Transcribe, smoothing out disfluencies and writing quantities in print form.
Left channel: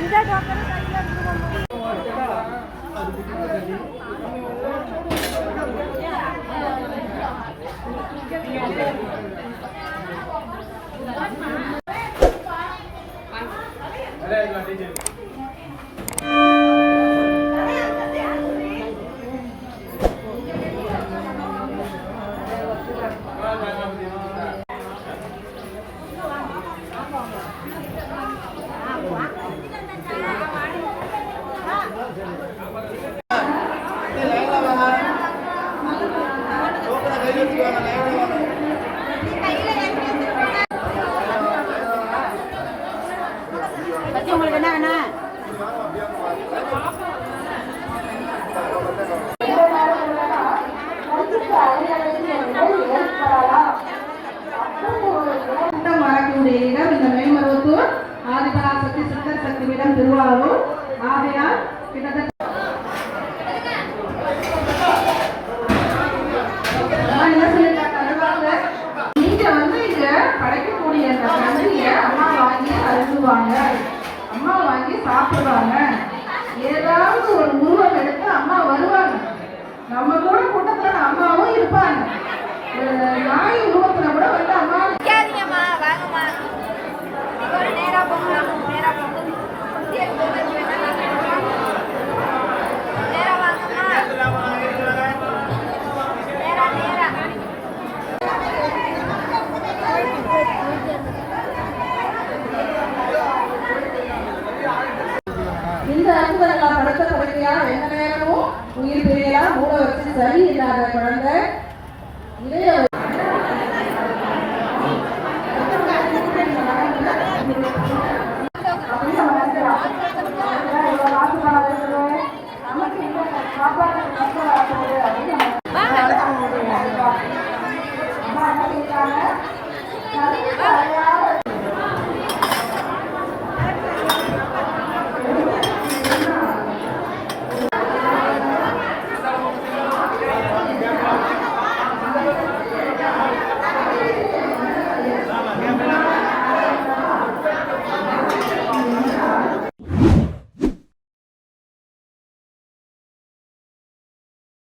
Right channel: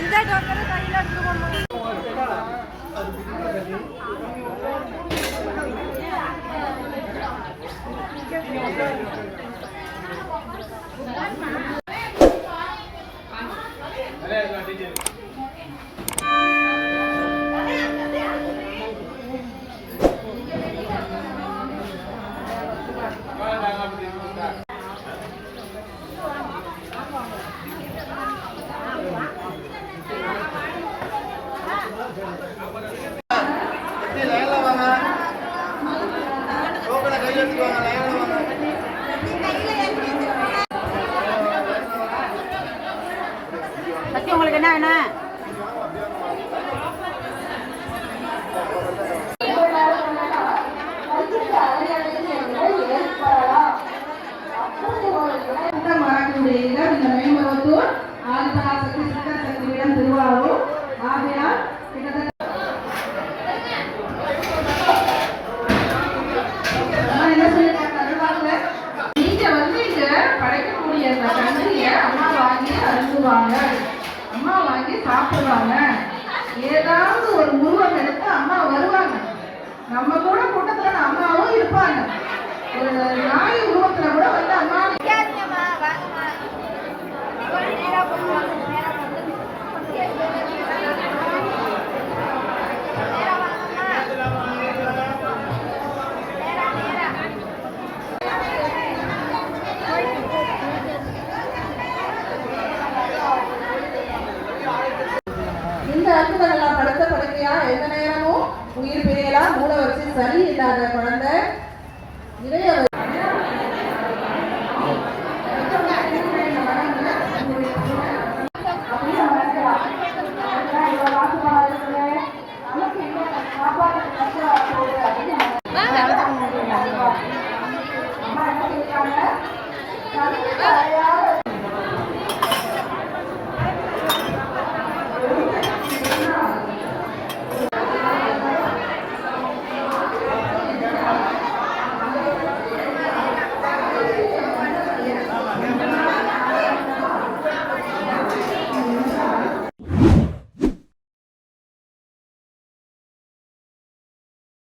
மஞ்சள் டோக்கரை கையில் எடுத்துருவோம். உங்களுக்கு என்ன வேணும்? இந்த மேம்பருவத்தூர் ஆதிபராசக்தி சித்தர் சக்தி பீடம் திருவாரூர். ஆகையால் கிட்டத்தட்ட என்ன சொல்லிருக்காங்க, நீங்க இங்க படைக்கக்கூடிய அந்த கண்ணிய அம்மா வாங்கி அருந்துவாங்க, அம்மா வாங்கி சாப்பிடுவாங்க. ஏதாவது ஒரு உருவம் எடுத்து அம்மா வருவாங்க. நம்ம கூட கூட்டத்துல அம்மாவும் இருப்பாங்க. நாய் உருவத்துல கூட அம்மா இந்த அற்புதங்கள்லாம் படுத்த படுக்கையா எந்த நேரமும் உயிர் பிரியலாம். மூளை வச்சு சரி இல்லாத குழந்தை இதைய நமக்கு